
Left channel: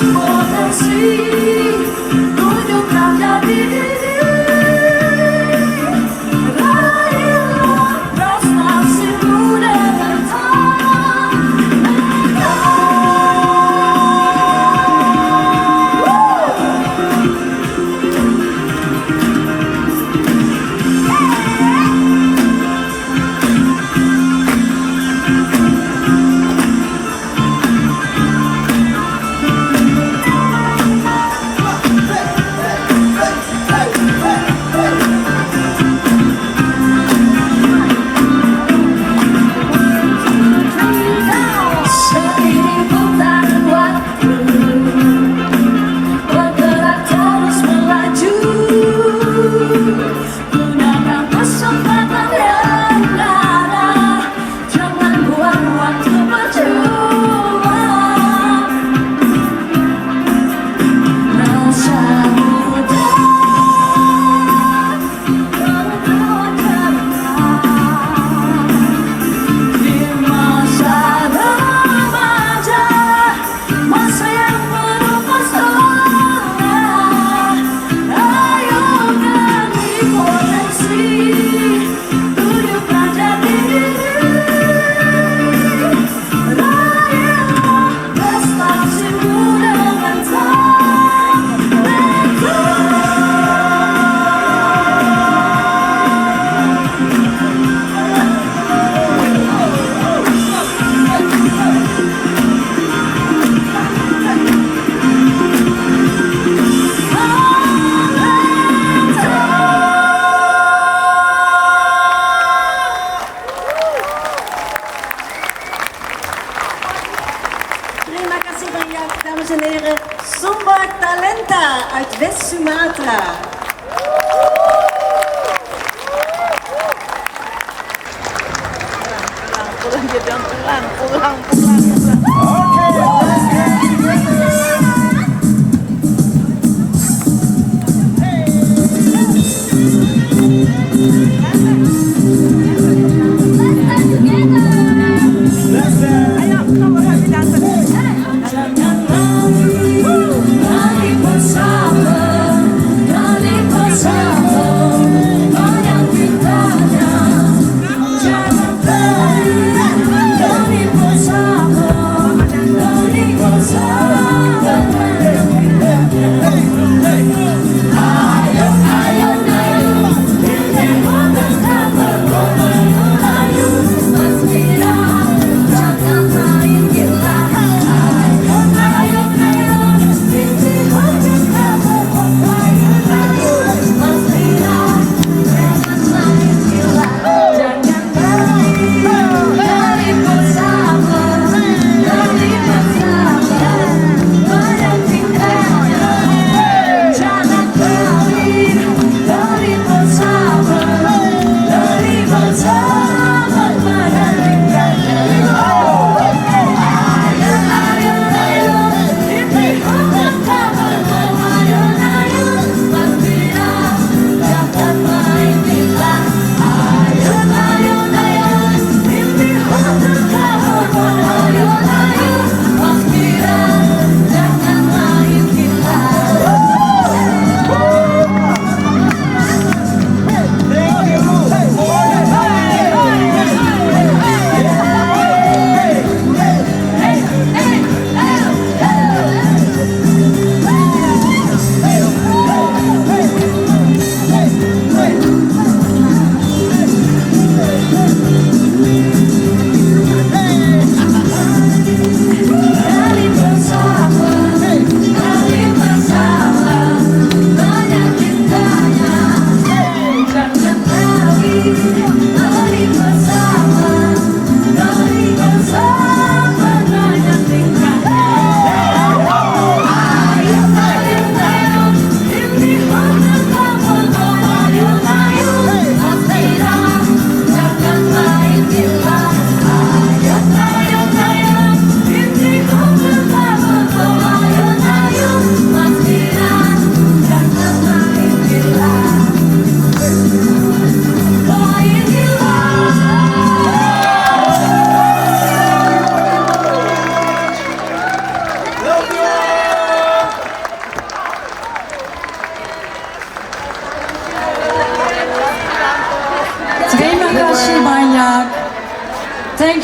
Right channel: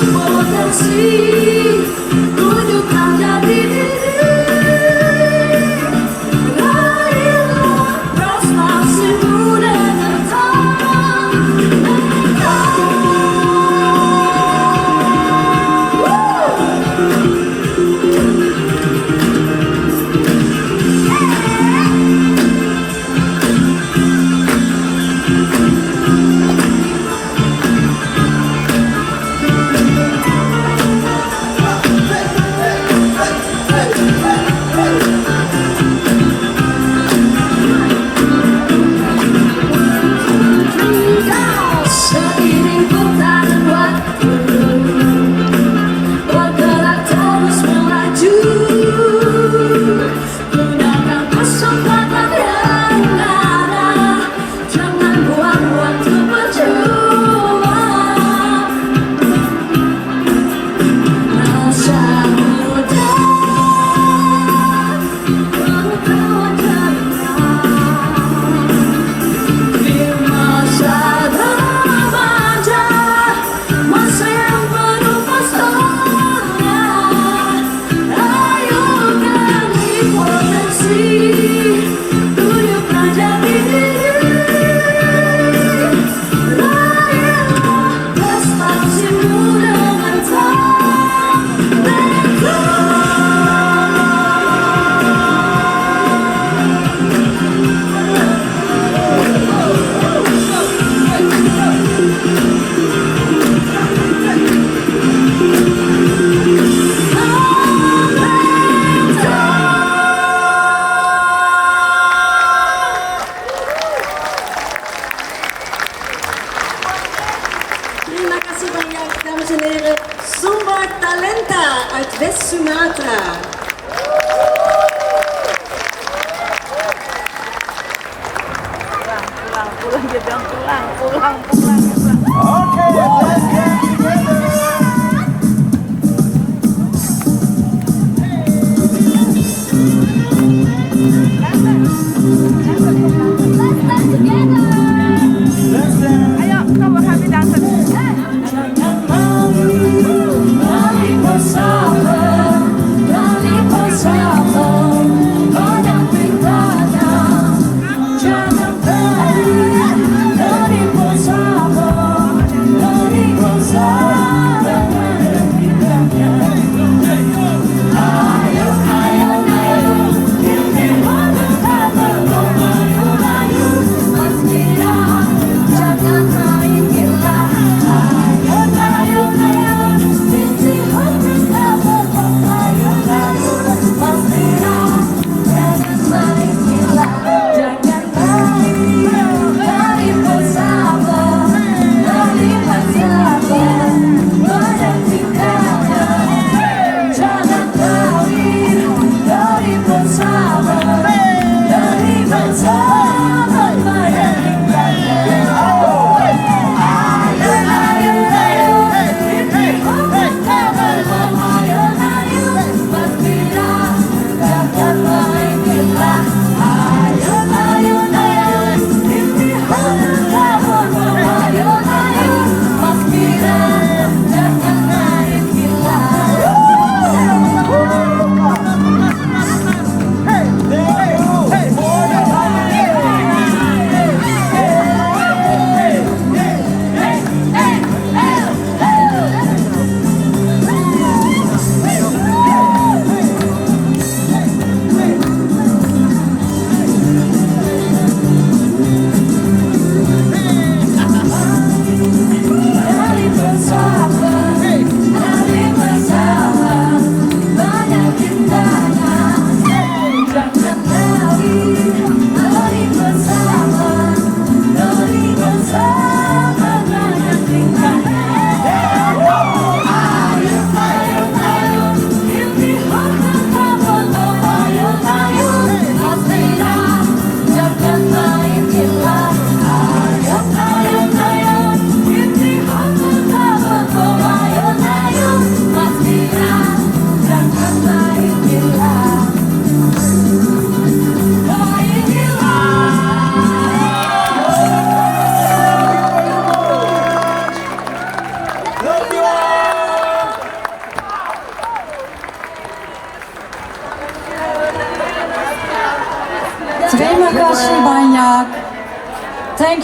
potensi untuk menjadi prestasimu dengan seiring putaran waktu bergerak terus melaju, gunakan kesempatan yang ada, jangan buang waktu berjuang. Rasa muda berkawan di masa remaja, masa yang penuh pesona. Ayo gali potensi untuk menjadi prestasimu dengan talenta. Terima kasih banyak, dames en heren. Sumba Talenta uit West Sumatra. Pulang dia bilang pulang. Ayo, kamu happy dancer. Gali bersama, gali bersama, banyak pintanya, jangan gali bersama.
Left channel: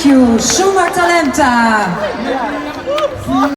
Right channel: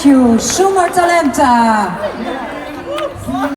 you, Sumber Talenta.